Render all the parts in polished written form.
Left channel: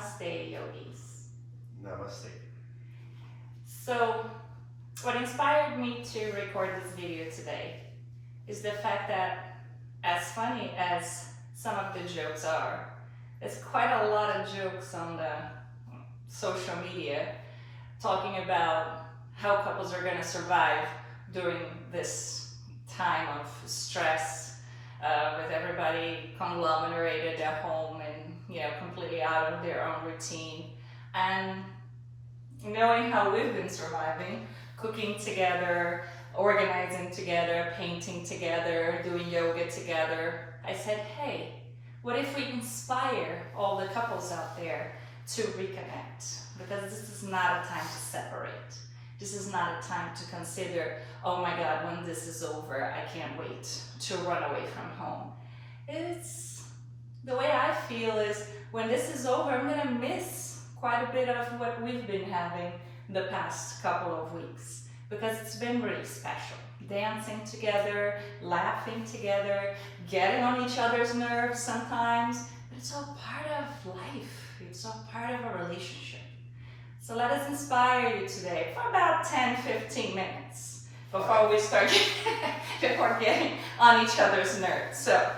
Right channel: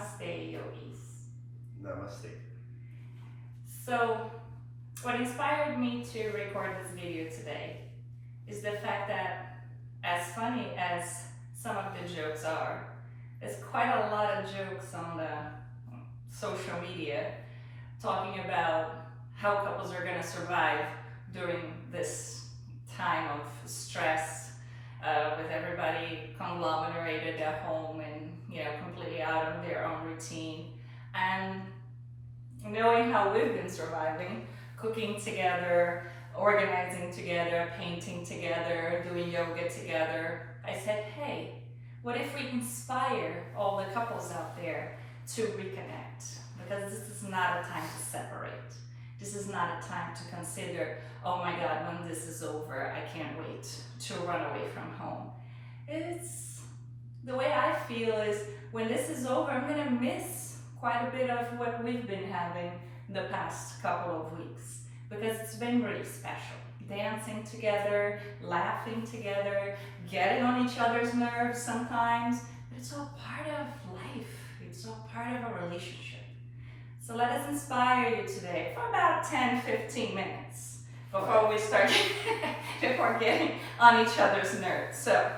Namaste, yogis. Namaste. So, what inspired me to record this video today is the fact that, as funny as some of the jokes are, there's quite a lot of jokes on the social media talking about how couples are going to survive during this time of stress, with everybody conglomerated at home and completely out of their own routine, and knowing how we've been surviving, cooking together, organizing together, painting together, doing yoga together. I said, hey, what if we inspire all the couples out there to reconnect? Because this is not a time to separate. This is not a time to consider, oh my God, when this is over, I can't wait to run away from home. It's the way I feel is when this is over, I'm gonna miss quite a bit of what we've been having the past couple of weeks, because it's been really special. Dancing together, laughing together, getting on each other's nerves sometimes, but it's all part of life. It's all part of a relationship. So let us inspire you today for about 10-15 minutes before we start before getting on each other's nerves. So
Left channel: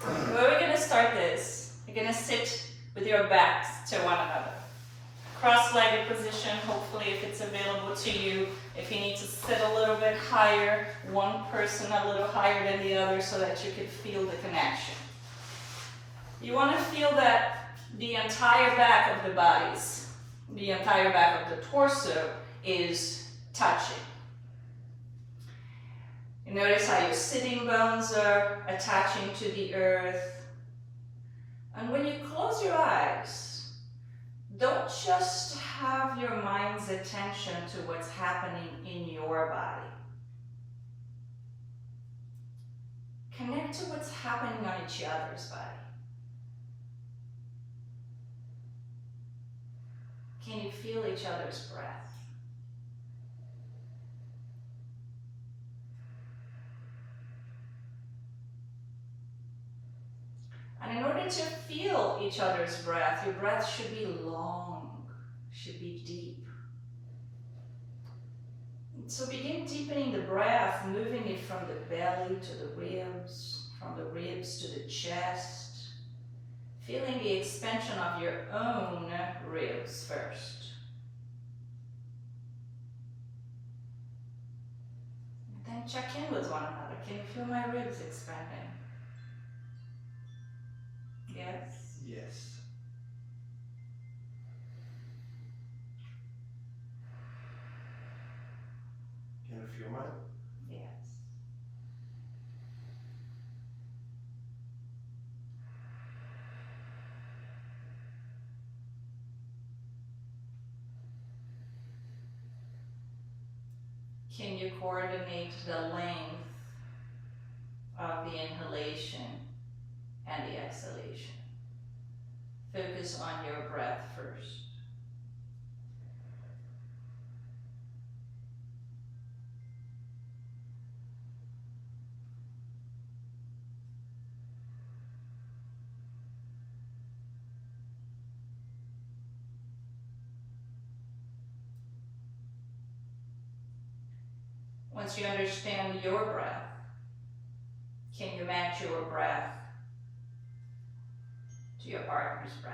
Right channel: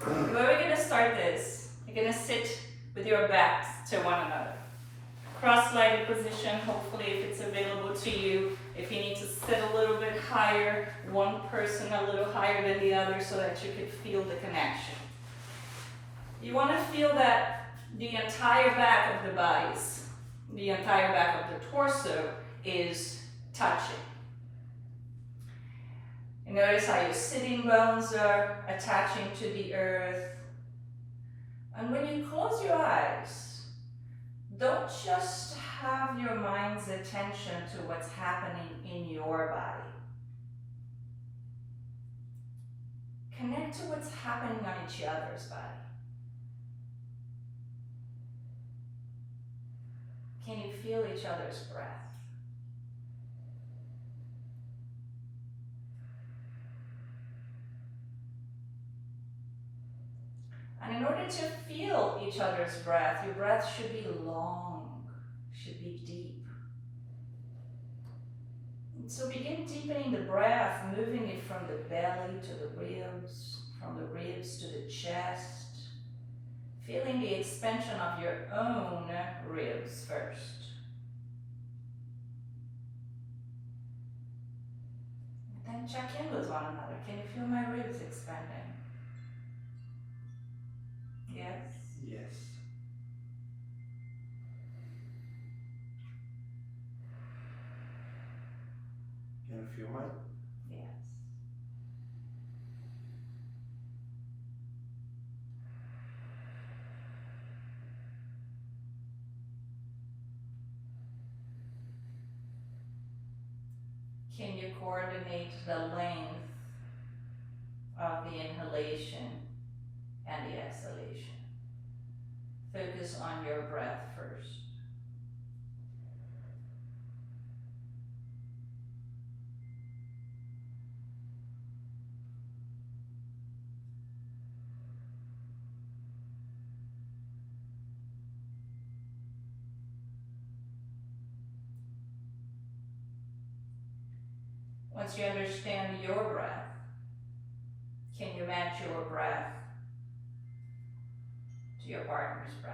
the way we're gonna start this, you're gonna sit with your backs to one another. Cross-legged position, hopefully if it's available to you. If you need to sit a little bit higher, one person a little higher than the other so that you can feel the connection. You want to feel that the entire back of the bodies, the entire back of the torso is touching. You notice how your sitting bones are attaching to the earth. And when you close your eyes, don't just have your mind's attention to what's happening in your body. Connect to what's happening on each other's body. Can you feel each other's breath? And in order to feel each other's breath, your breath should be long, should be deep. And so begin deepening the breath, moving it from the belly to the ribs, from the ribs to the chest, feeling the expansion of your own ribs first. And then check in with one another. Can you feel my ribs expanding? Yes? Yes. Can you feel mine? Yes. Can you coordinate the length of the inhalation and the exhalation? Focus on your breath first. Once you understand your breath, can you match your breath to your partner's breath?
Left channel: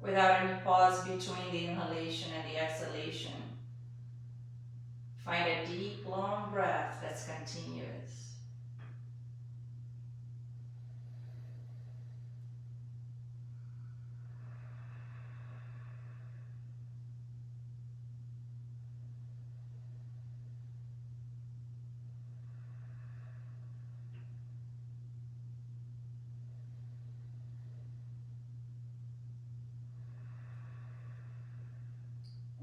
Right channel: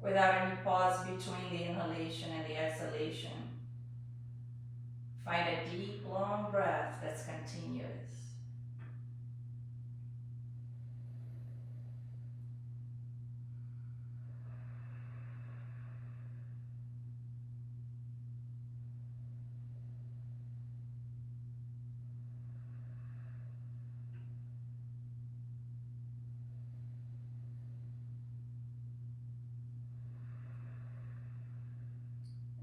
Without any pause between the inhalation and the exhalation, find a deep, long breath that's continuous.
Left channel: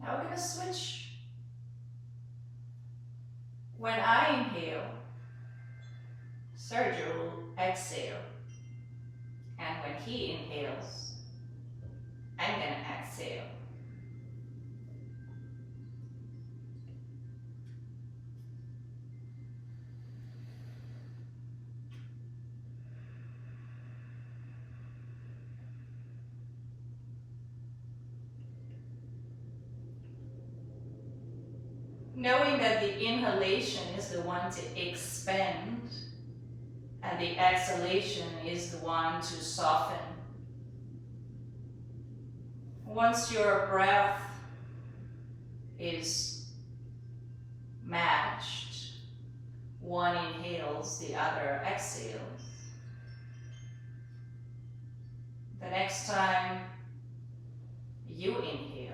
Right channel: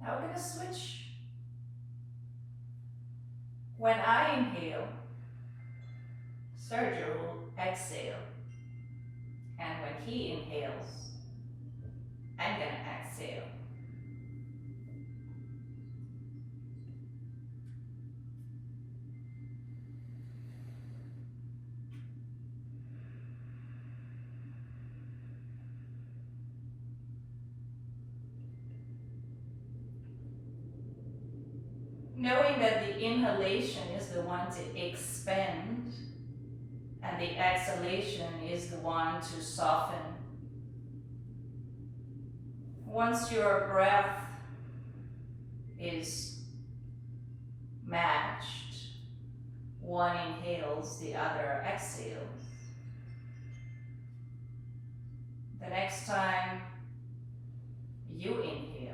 Now we're going to switch. When I inhale, Sergio will exhale. And when he inhales, I'm going to exhale. knowing that the inhalation is the one to expand and the exhalation is the one to soften. Once your breath is matched, one inhales, the other exhales. The next time you inhale,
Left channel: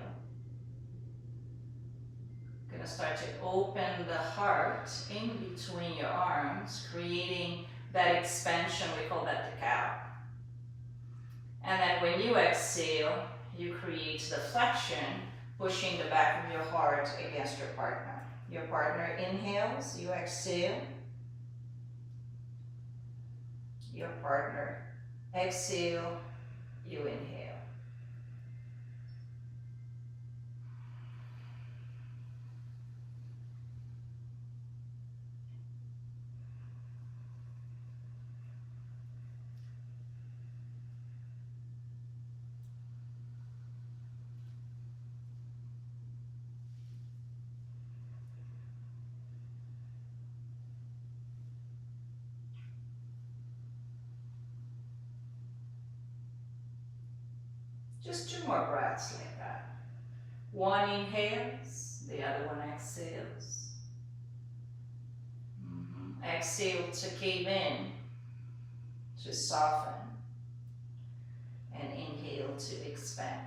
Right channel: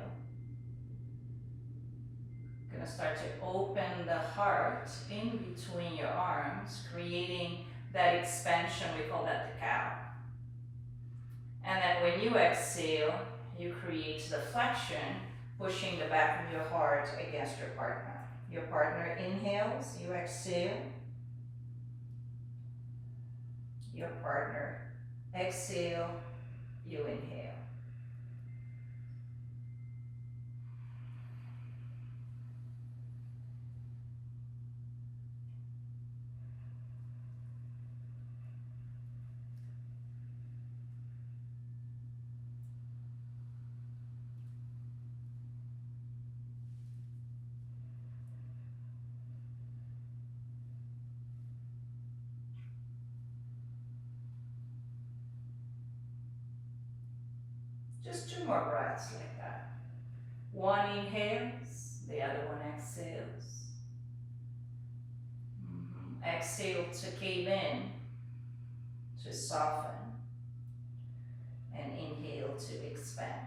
you're going to start to open the heart in between your arms, creating that expansion. We call that the cow. And then when you exhale, you create the flexion, pushing the back of your heart against your partner. Your partner inhales, you exhale. Your partner exhale, you inhale. Just 2 more breaths like that. One inhales, the other one exhales. Exhale to cave in, to soften, and inhale to expand.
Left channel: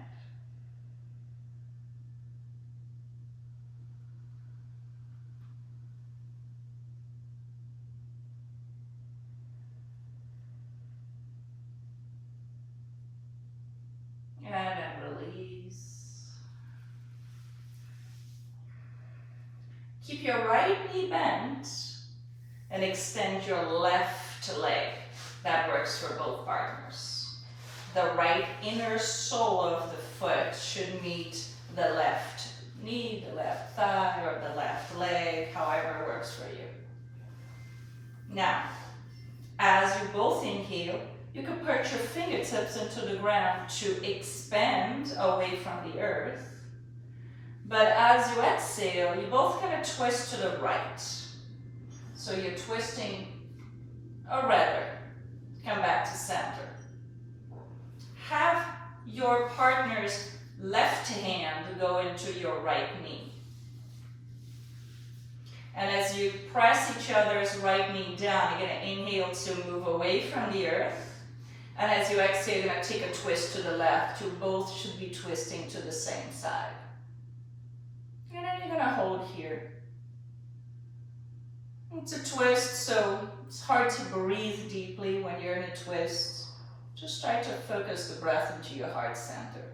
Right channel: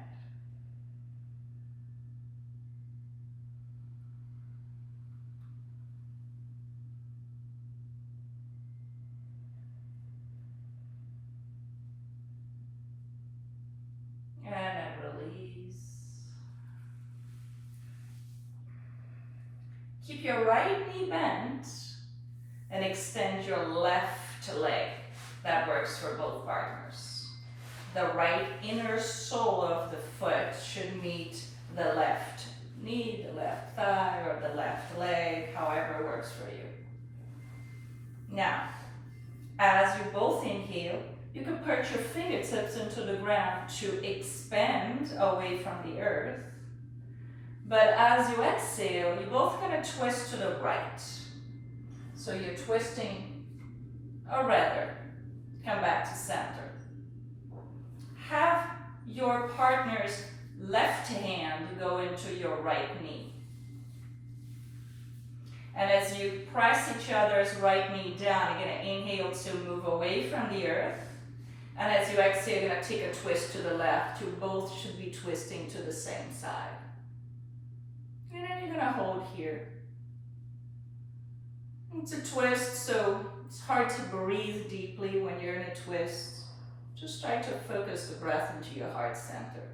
And then release. Keep your right knee bent and extend your left leg. That works for both partners. The right inner sole of the foot should meet the left knee, the left thigh, or the left leg, however works for you. Now, as you both inhale, you can put your fingertips into the ground to expand away from the earth. But as you exhale, you both kind of twist to the right. So you're twisting, or rather, come back to center. Have your partner's left hand go into your right knee. And as you press each other's right knee down, you're going to inhale to move away from the earth. And as you exhale, you're going to take a twist to the left. You both should be twisting to the same side. And then you're going to hold here. It's a twist, so it's hard to breathe deeply when you're in a twist. Just try to focus the breath into your heart center.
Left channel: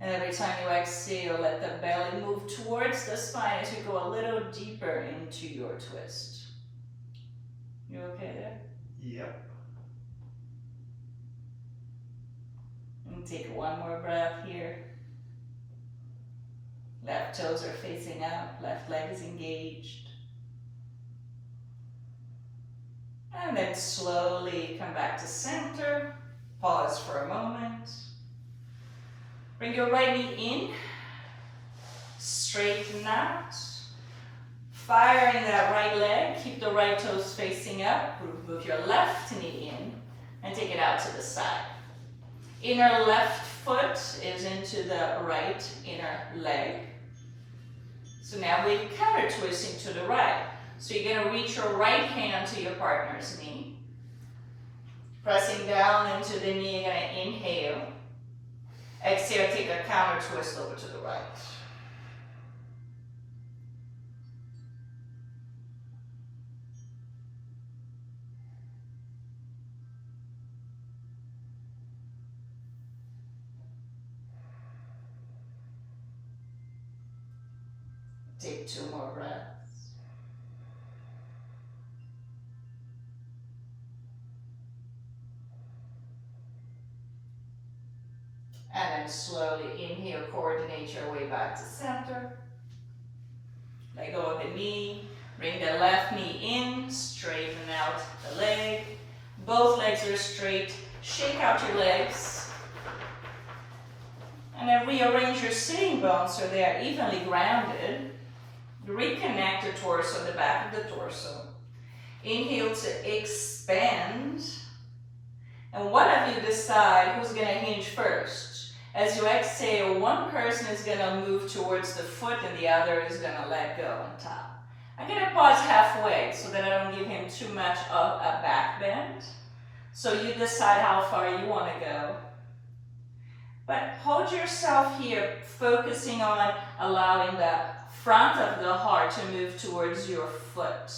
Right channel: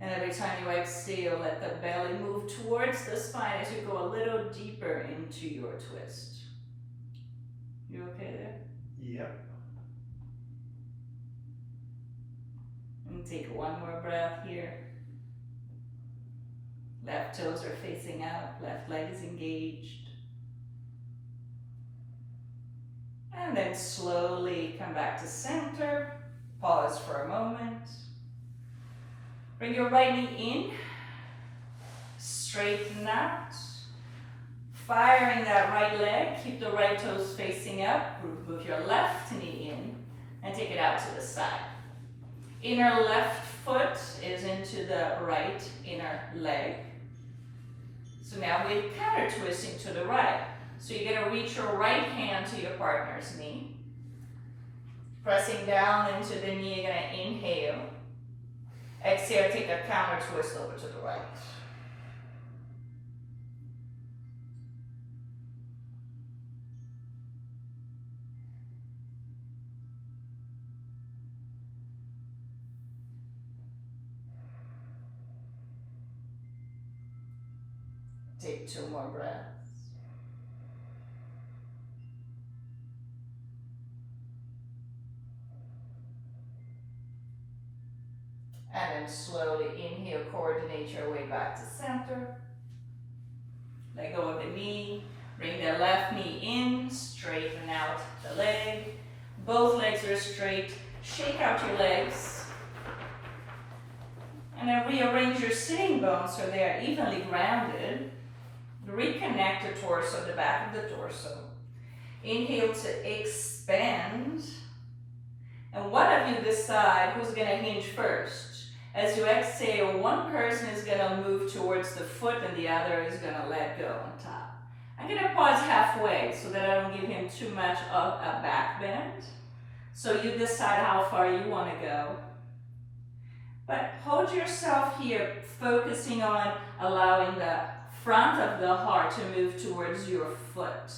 And every time you exhale, let the belly move towards the spine as you go a little deeper into your twist. You okay there? Yep. And take one more breath here. Left toes are facing out, left leg is engaged. And then slowly come back to center. Pause for a moment. Bring your right knee in. Straighten out. Firing that right leg. Keep the right toes facing up. Move your left knee in and take it out to the side. Inner left foot is into the right inner leg. So now we're counter twisting to the right. So you're going to reach your right hand to your partner's knee. Pressing down into the knee, you're going to inhale. Exhale, take a counter twist over to the right. Take 2 more breaths. And then slowly inhale, coordinate your way back to center. Let go of the knee. Bring the left knee in, straighten out the leg. Both legs are straight. Shake out your legs. And then rearrange your sitting bones so they are evenly grounded. Reconnect the torso, the back of the torso. Inhale to expand. And one of you decide who's going to hinge first. As you exhale, one person is going to move towards the foot and the other is going to let go on top. I'm going to pause halfway so that I don't give him too much of a back bend. So you decide how far you want to go. But hold yourself here, focusing on allowing the front of the heart to move towards your foot.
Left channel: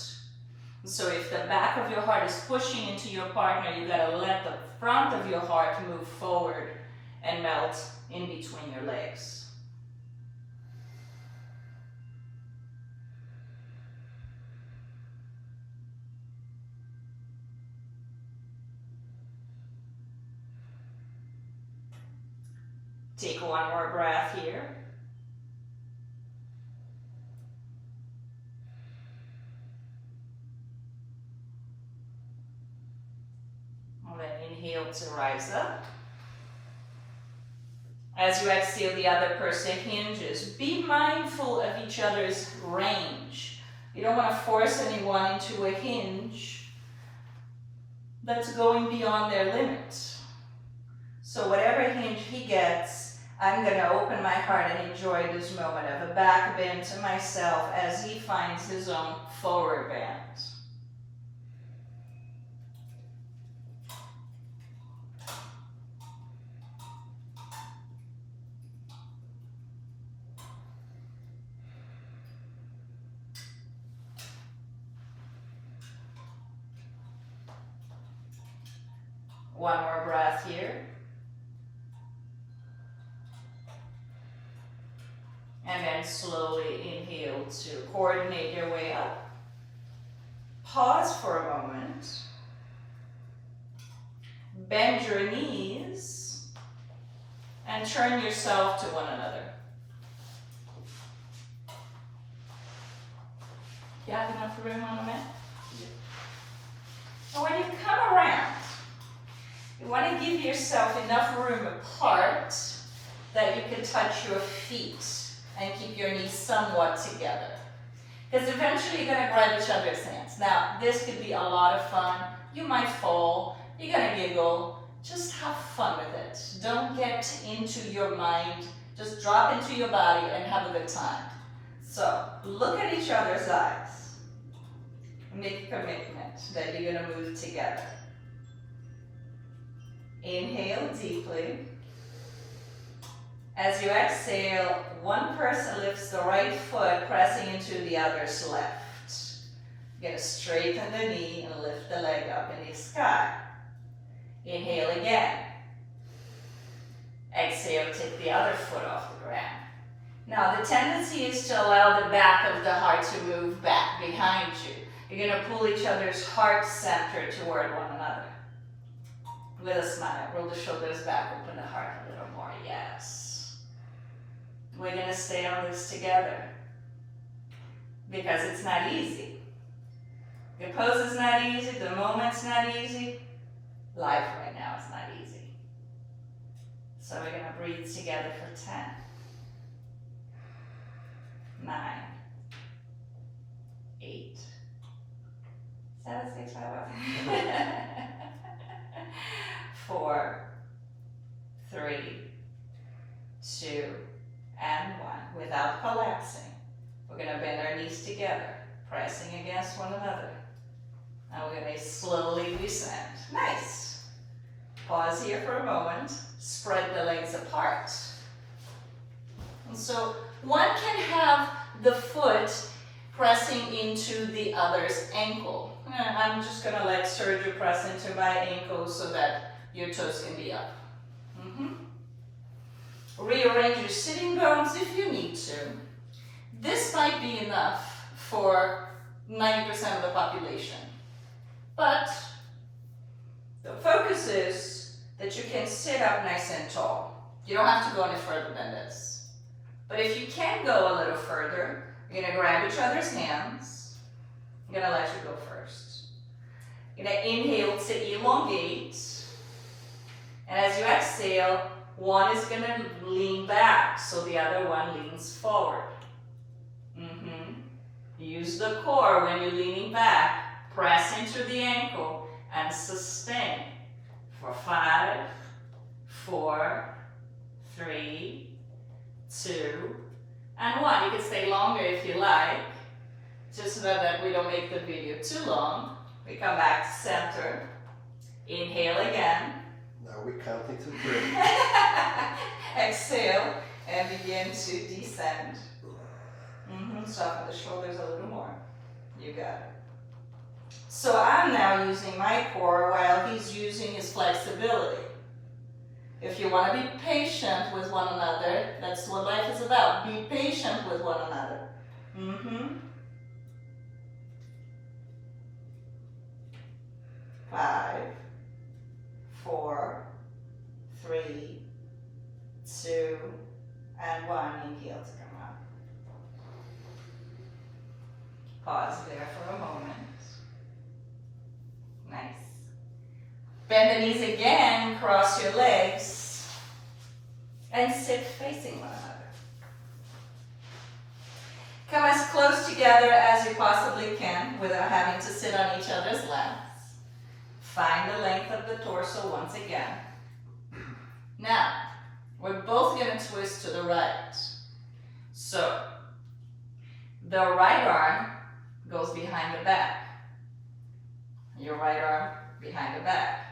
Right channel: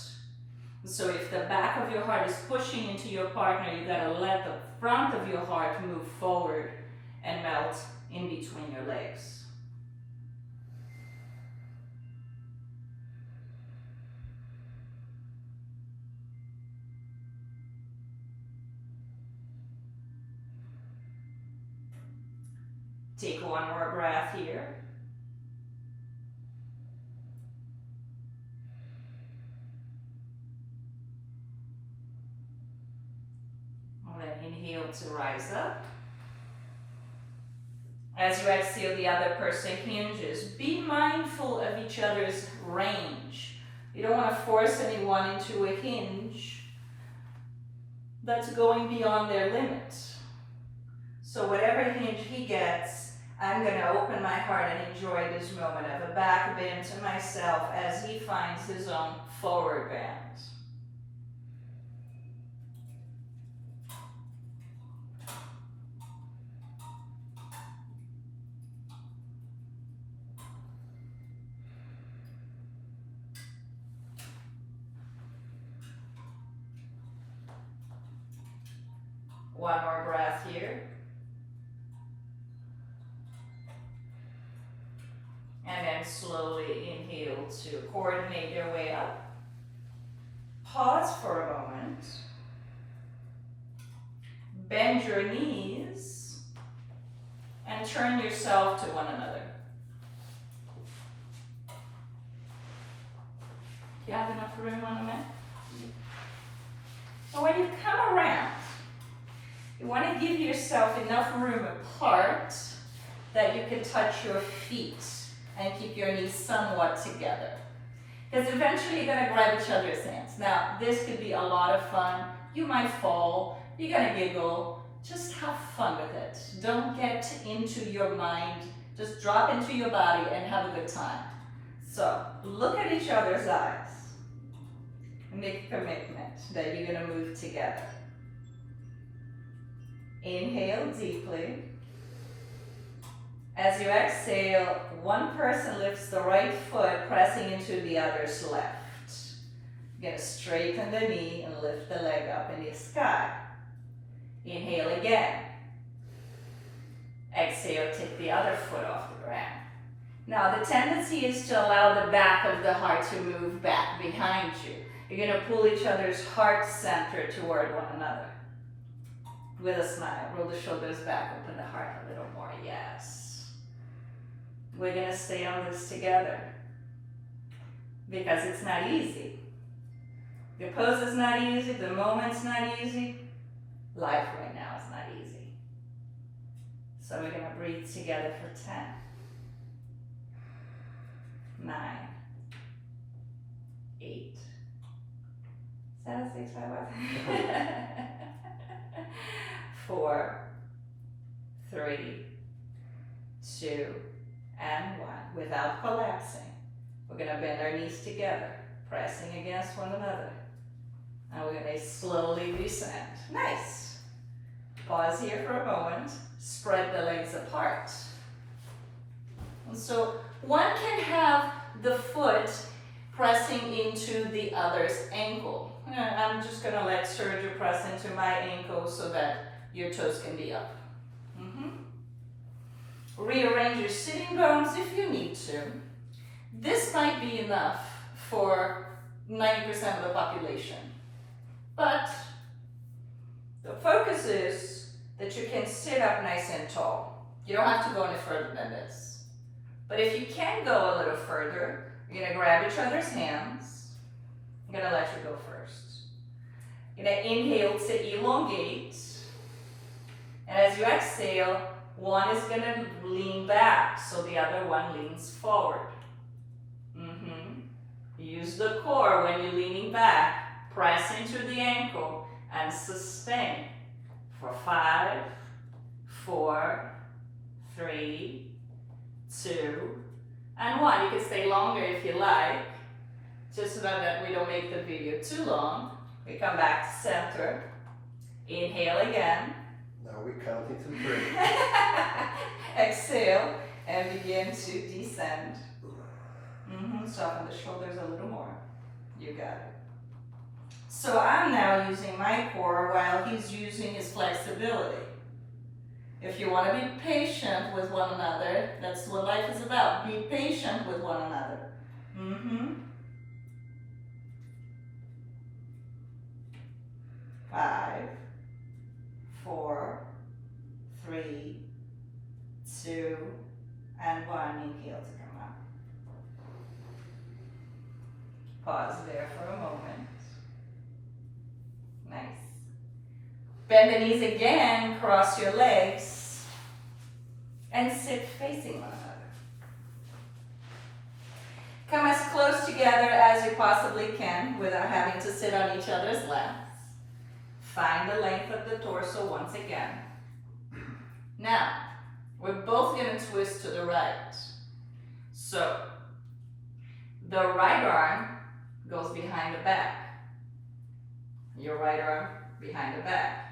So if the back of your heart is pushing into your partner, you gotta let the front of your heart move forward and melt in between your legs. Take one more breath here. And then inhale to rise up. As you exhale, the other person hinges. Be mindful of each other's range. You don't want to force anyone into a hinge that's going beyond their limits. So whatever hinge he gets, I'm going to open my heart and enjoy this moment of a back bend to myself as he finds his own forward bend. One more breath here. And then slowly inhale to coordinate your way up. Pause for a moment. Bend your knees and turn yourself to one another. You have enough room on the mat? And when you come around, you want to give yourself enough room apart that you can touch your feet and keep your knees somewhat together. Because eventually you're going to grab each other's hands. Now, this could be a lot of fun. You might fall. You're going to giggle. Just have fun with it. Don't get into your mind. Just drop into your body and have a good time. So, look at each other's eyes. Make a commitment that you're going to move together. Inhale deeply. As you exhale, one person lifts the right foot, pressing into the other's left. You're going to straighten the knee and lift the leg up in the sky. Inhale again. Exhale, take the other foot off the ground. Now, the tendency is to allow the back of the heart to move back behind you. You're going to pull each other's heart center toward one another. With a smile, roll the shoulders back, open the heart a little more, yes. We're going to stay on this together because it's not easy. The pose is not easy, the moment's not easy. Life right now is not easy. So we're going to breathe together for 10, 9, 8, 7, 6, 5, 4, 3, 2, and 1. Without collapsing, we're going to bend our knees together, pressing against one another. And we're going to slowly descend. Nice. Pause here for a moment. Spread the legs apart. And so one can have the foot pressing into the other's ankle. I'm just going to let Sergio press into my ankle so that your toes can be up. Rearrange your sitting bones if you need to. This might be enough for 90% of the population. But the focus is that you can sit up nice and tall. You don't have to go any further than this. But if you can go a little further, you're going to grab each other's hands. I'm going to let you go first. You're going to inhale to elongate. And as you exhale, one is going to lean back, so the other one leans forward. Use the core when you're leaning back. Press into the ankle and sustain for 5, 4, 3, 2, and 1. You can stay longer if you like, just so that we don't make the video too long. We come back to center. Inhale again. Now we're counting to 3. Exhale and begin to descend. Soften the shoulders a little more. You got it. So I'm now using my core while he's using his flexibility. If you want to be patient with one another, that's what life is about. Be patient with one another. 5, 4, 3, 2, and 1. Inhale to come up. Pause there for a moment. Nice. Bend the knees again, cross your legs, and sit facing one another. Come as close together as you possibly can without having to sit on each other's laps. Find the length of the torso once again. Now, we're both going to twist to the right. So, the right arm goes behind the back. Your right arm behind the back.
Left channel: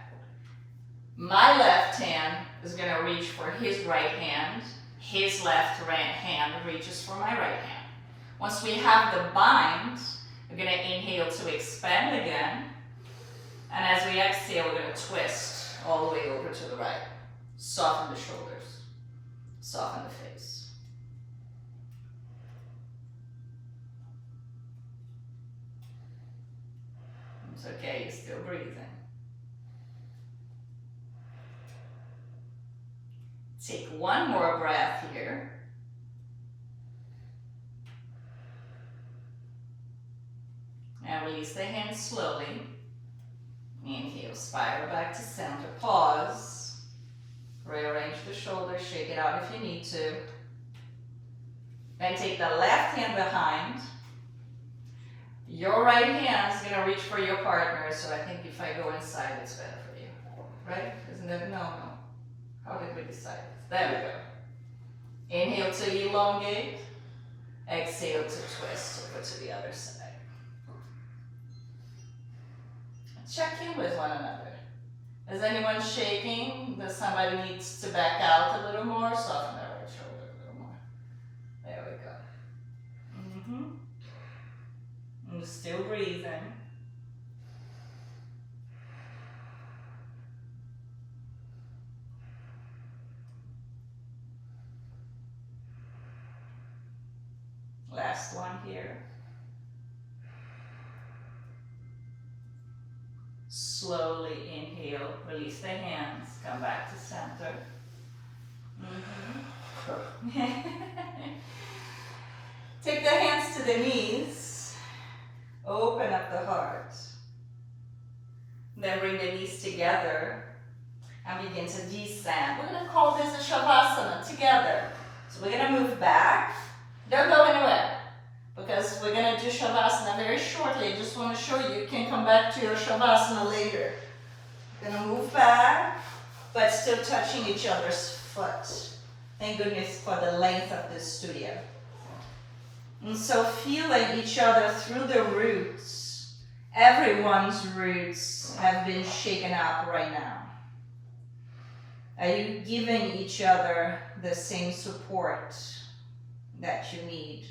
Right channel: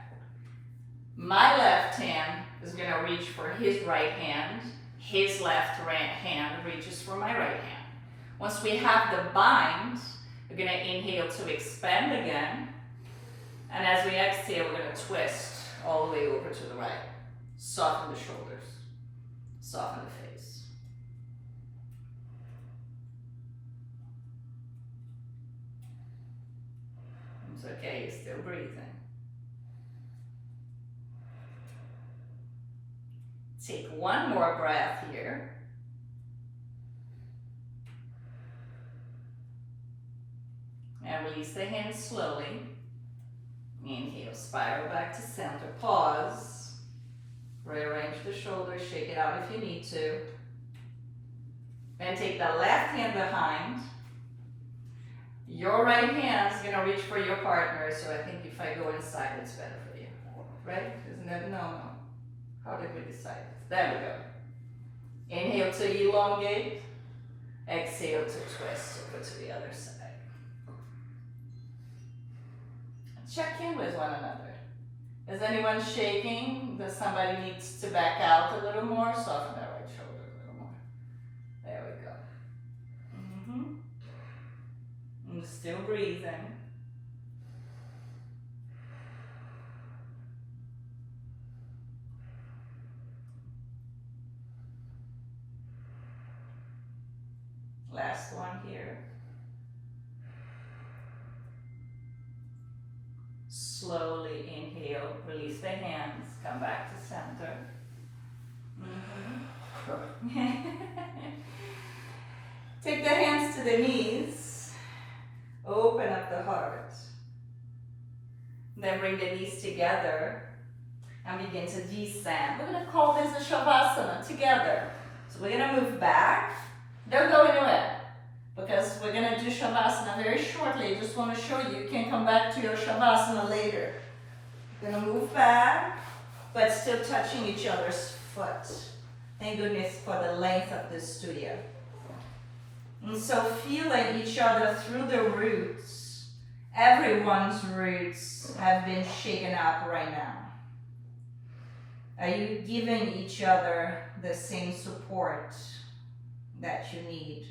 My left hand is going to reach for his right hand. His left hand reaches for my right hand. Once we have the bind, we're going to inhale to expand again. And as we exhale, we're going to twist all the way over to the right. Soften the shoulders. Soften the face. It's okay, you're still breathing. Take one more breath here. And release the hands slowly. Inhale, spiral back to center. Pause. Rearrange the shoulders, shake it out if you need to. Then take the left hand behind. Your right hand is going to reach for your partner, so I think if I go inside, it's better for you. Right? Isn't that no? How did we decide? There we go. Inhale to elongate. Exhale to twist over to the other side. Check in with one another. Is anyone shaking? Does somebody needs to back out a little more? Soften that right shoulder a little more. There we go. I'm still breathing. Last one here. Slowly inhale, release the hands, come back to center. Take the hands to the knees, open up the heart. Then bring the knees together and begin to descend. We're going to call this a Shavasana together. So we're going to move back. Don't go anywhere, because we're going to do Shavasana very shortly. I just want to show you, you can come back to your Shavasana later. We're going to move back, but still touching each other's foot. Thank goodness for the length of this studio. And so feeling each other through the roots. Everyone's roots have been shaken up right now. Are you giving each other the same support that you need?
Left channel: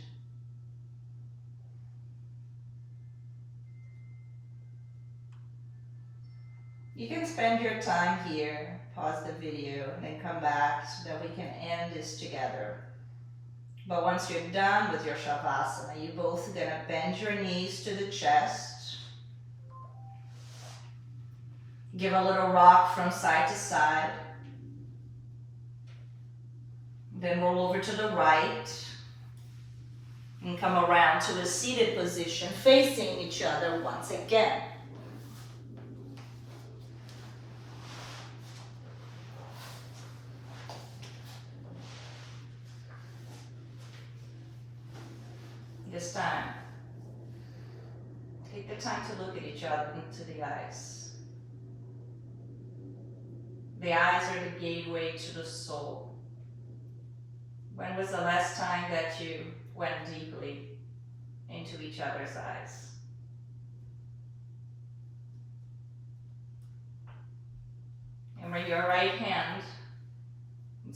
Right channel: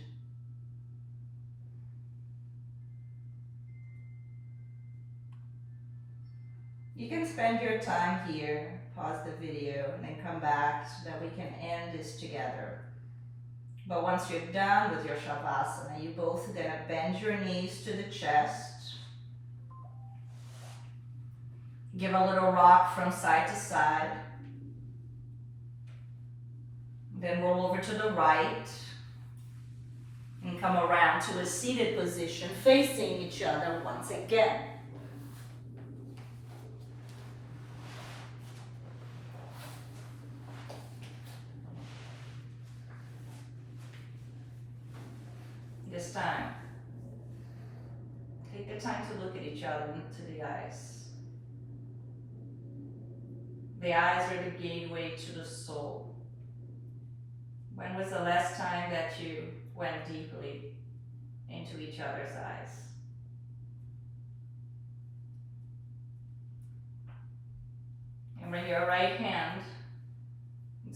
You can spend your time here, pause the video, and then come back so that we can end this together. But once you're done with your Shavasana, you're both going to bend your knees to the chest. Give a little rock from side to side. Then roll over to the right. And come around to a seated position, facing each other once again. This time, the time to look at each other into the eyes. The eyes are the gateway to the soul. When was the last time that you went deeply into each other's eyes? And bring your right hand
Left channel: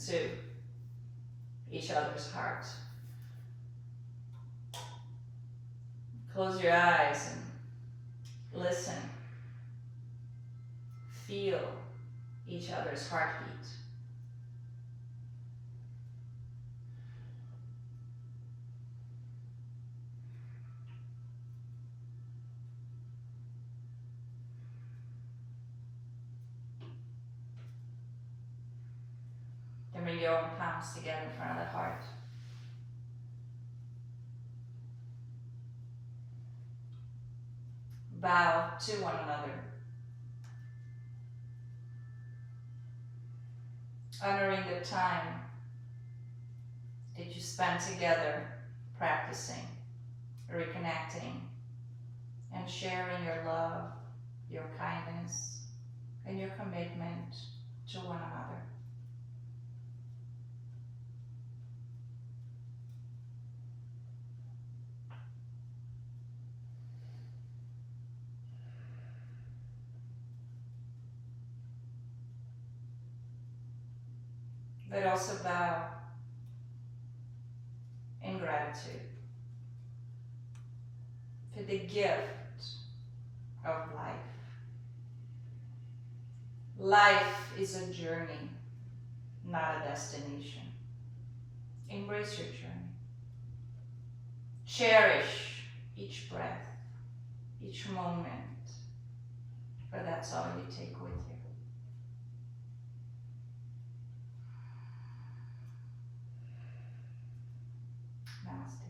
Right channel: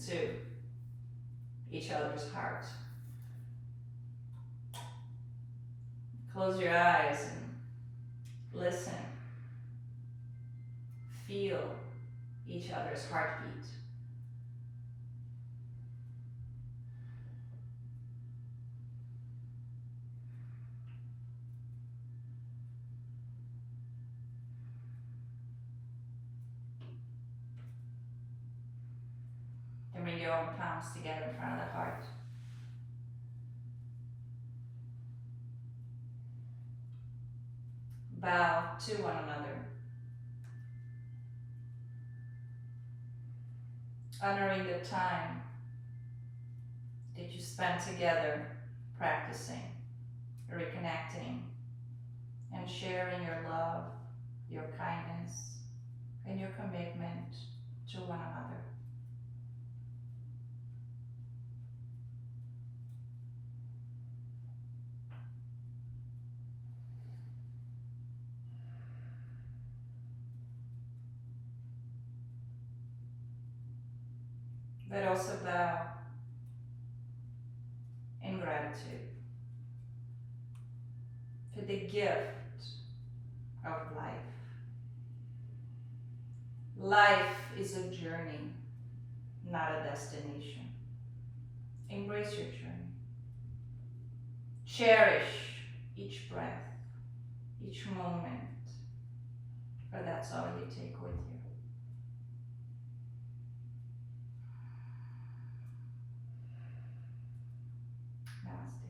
to each other's heart. Close your eyes and listen. Feel each other's heartbeat. Then bring your own palms together in front of the heart. Bow to one another, honoring the time that you spent together practicing, reconnecting, and sharing your love, your kindness, and your commitment to one another. But also bow in gratitude for the gift of life. Life is a journey, not a destination. Embrace your journey. Cherish each breath, each moment, for that's all you take with you. Namaste.